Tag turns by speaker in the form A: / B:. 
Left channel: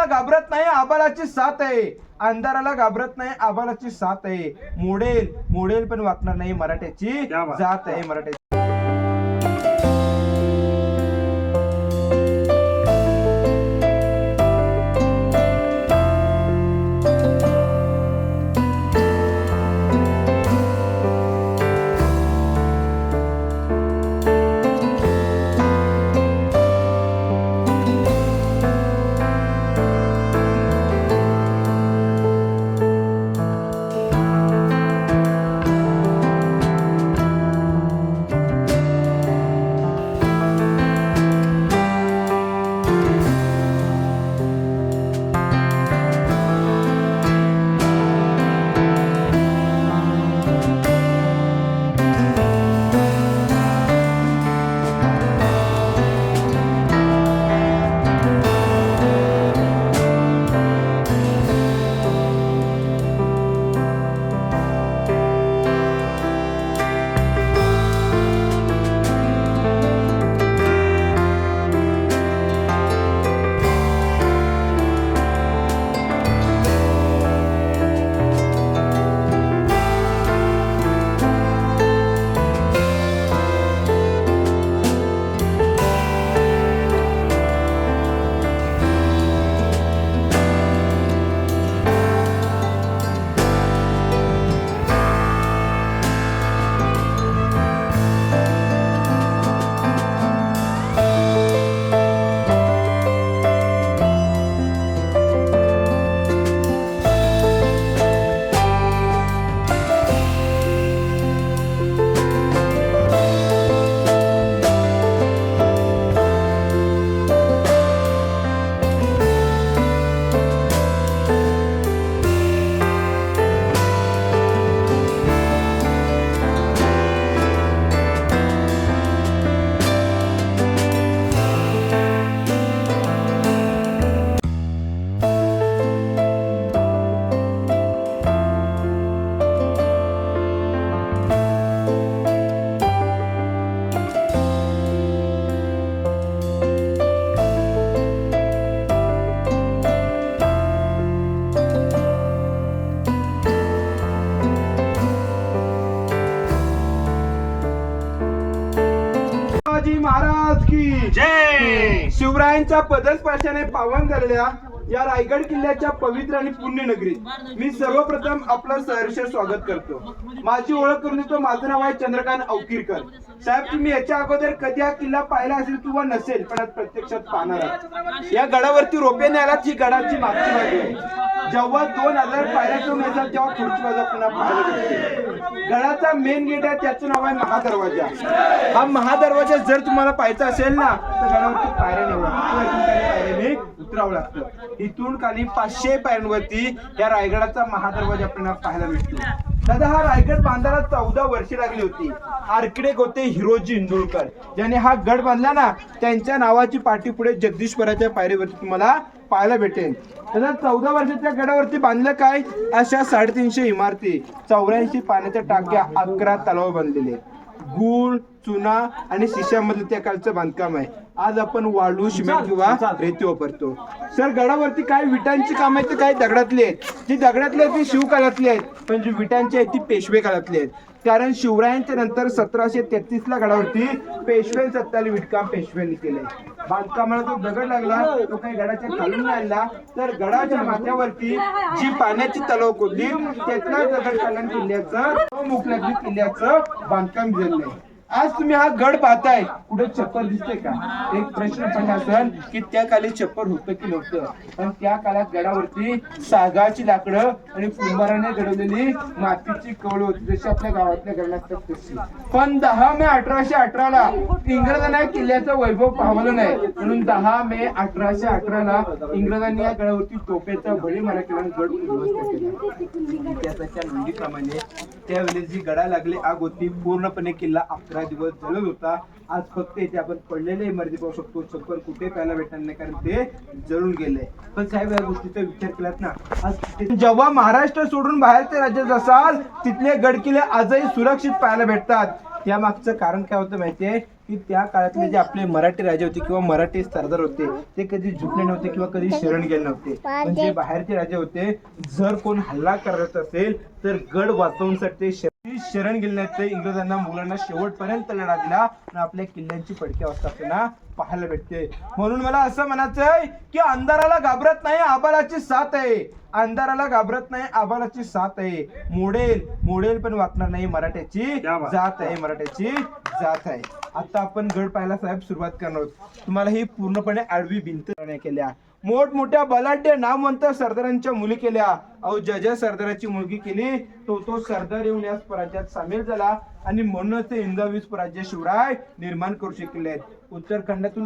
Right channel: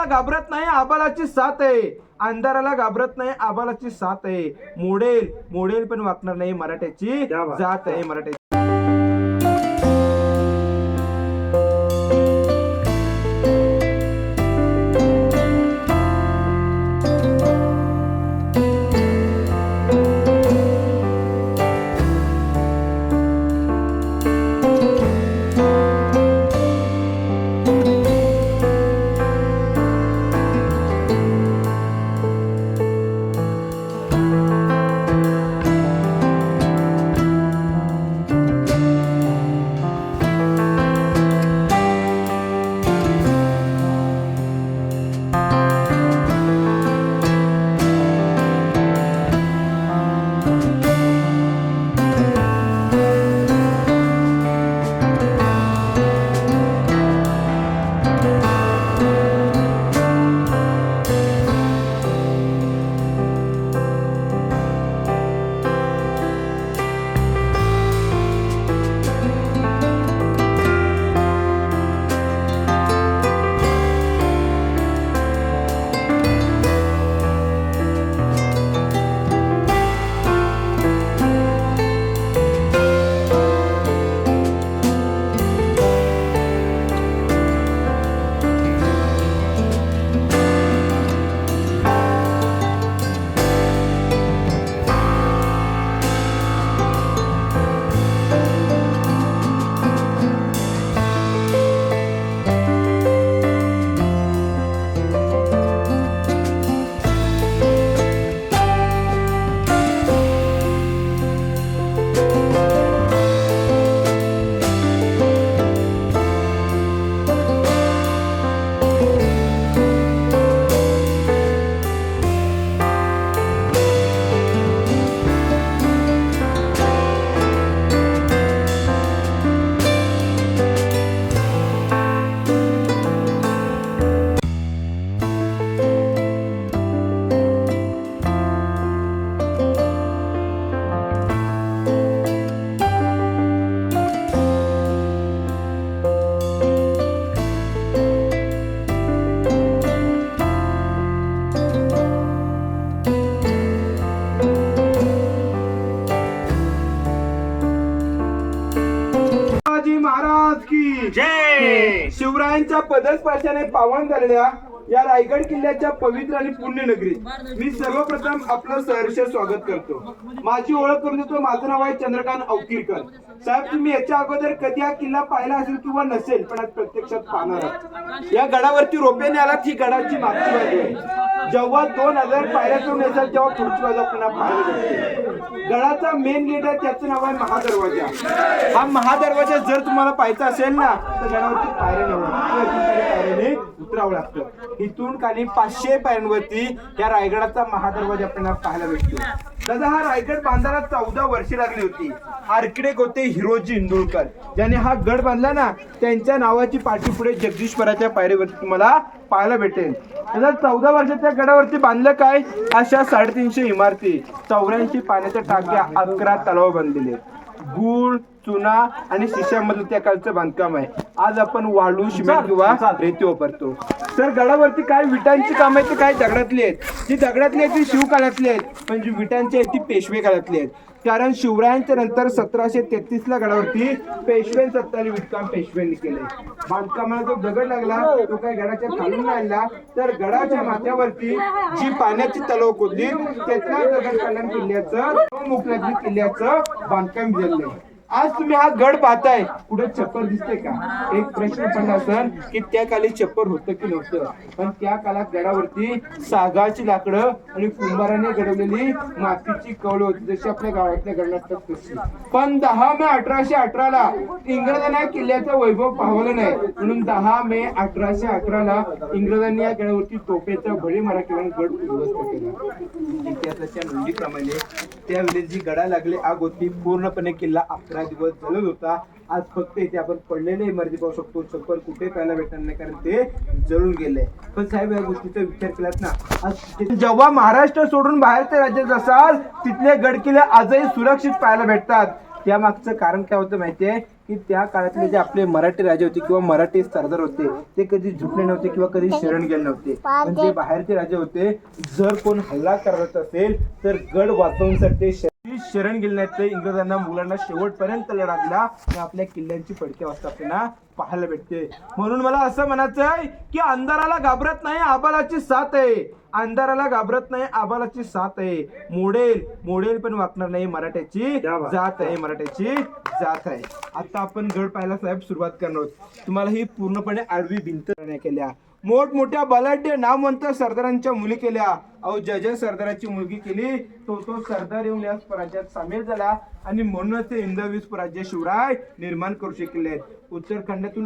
A: अंधाराला घाबरत नाही आबालाची साथ आहे. अंधाराला घाबरत नाही आबालाची साथ आहे. मोडेल मोडेल पण वाकणार नाही मराठ्याची. जात आहे मराठ्याची.
B: जय!
A: शिवरायांच्या पदस्पर्शाने पावन झालेल्या या रायगड किल्ल्याच्या पवित्र आणि पुण्य नगरीत मी सर्वप्रथम आपलं सहर्ष स्वागत करतो. माझी ओळख करून देतो. माझं नाव आहे चंद्रकांत अवकिरकर. साहेब तुम्ही याच्या अगोदर कधी हा किल्ला पाहिला असेल किंवा नसेल पण आज प्रत्यक्षात पाहणार आहात. या गडावरती रोप्याने आला ही गडाची मागची बाजू आहे जेव्हा दोन हजार पायऱ्या करून येतात तेव्हा पुढची बाजू पुन्हा पाहायला भेटते गडाचा मेन गेट आहे त्याचं नाव आहे महादरवाजा. हा महादरवाजा जर तुम्हाला पाहायचा असेल ना तर गडावरती पायऱ्या निवडा उतरावं लागतं. इथून खाली पाचशे पायऱ्यांवरती या रायगडाचा महादरवाजा आपल्याला पाहायला भेटतो दादा हा रायगड बांधायला चौदा वर्षे लागली होती. आर्किटेक्ट होते हिरोजी इंदुरकर ज्याने हा गड बांधला ना त्यांच्या नावाची पाठी पुढे जगदीश्वराच्या पायरीवरती तुम्हाला पाहायला भेटेल. दादा चौदा वर्षाच्या गडावरती बांधलं काय? अशा साडेतीनशे इमारती. चौऱ्याऐंशी पाण्याच्या टाक्या अकरा तलाव बांधलेले गुळ चुना आणि शिशामधलं त्या कालचं बांधकाम आहे. आज आपण वाळू सिमेंट किंवा रेती वापरतो. सर गडावरती काय विटांची काम आहेत ते काय दगडातली आहेत? जी दगडातली आहेत ती शिवकालातली आहेत पण जी विटांची आहेत ती पेशवे काळातली आहेत. कारण शिवरायांच्या नंतर सतराशे तेहतीस ला गडावरती पेशवे सत्ताली विटकाम पेशव्यांनी केलंय. बांधकामाला जो दगड लागला तो काही गडाच्या खालून आणला तर गडाच्या माथ्यावरती जी पाण्याची तलाव खोदली त्यातला दगड कल्याण किल्ल्याचं मुकलाजी किल्ल्याचं बांधकाम झालंय आज तुम्ही हा गड पाहताय. कुठे छप्पर दिसते का? एक प्रश्न पडला असेल की त्या काली छप्पर होतं की नव्हतं. पण त्या काळात गडावरती सागाची लाकडं आणि कुंभाराने घडवलेली मातीची कवळ होती जशी आपल्या गावातल्या गड असतात तशी. पण दहा मे अठराशे अठराला इंग्रजांना या किल्ल्याचं वैभव पावलं नाही. म्हणून दहा मे अठराशे अठराला इंग्रजांनी या गडावरती तोफेचा भळी मारा केला आणि गड उद्ध्वस्त केला. इतिहासाच्या नोंदीप्रमाणे त्यावेळी जी गडा लागली आग होती पूर्णपणे किल्ला अकरा दिवस जलद होता. आज फक्त इथे आपण पडलेले इमारती पाहू शकतो. छप्पर कुठे पाहायला भेटणार नाही कारण ते जळून गेले. पण साहेब या गोष्टीचा विचार केलात ना. आज जेव्हा महाराष्ट्र सोडून बाहेरच्या राज्यात असाल तिथले गड किल्ले आजही सुरक्षित पाहायला भेटतात. या मागचं कारण काय होतं माहितीये? की त्या काळातले जे आपले मराठी राजे होते किंवा मराठी सरदार होते ते कधी झुकले नव्हते किंवा कधी शरण गेले नव्हते. पण जे बाहेरचे राजे होते जर कोण हल्ला करत असेल तर गड वाचवण्यासाठी शरण- ते इंग्रजांना मुलांना शेवटपर्यंत लढा दिला आणि आपल्या किल्ल्यांची पडकी अवस्था आपल्याला पाहायला भेटते. म्हणून मला असं म्हणायचं आहे की अंधाराला घाबरत नाही आबालाची साथ आहे. अंधाराला घाबरत नाही आबालाची साथ आहे. मोडेल मोडेल पण वाचणार नाही मराठ्याची जात आहे मराठ्याची जात आहे. आता आपण गड पाहायला साहेब सुरुवात करणार आहोत. तुम्हाला ही पूर्णपणे आडवी भिंत केल्या मोठमोठ्या बलाढ्य नामवंत सरदारांच्या मुली केल्या. अहो ज्या ज्या सरदाराची मुलगी केली तो तो सरदार येऊन या स्वराज्यात सामील झाला आणि म्हणूनच ते हिंदवी स्वराज्य शिवराय निर्माण करू शकले. आहेत उत्तराखंडातून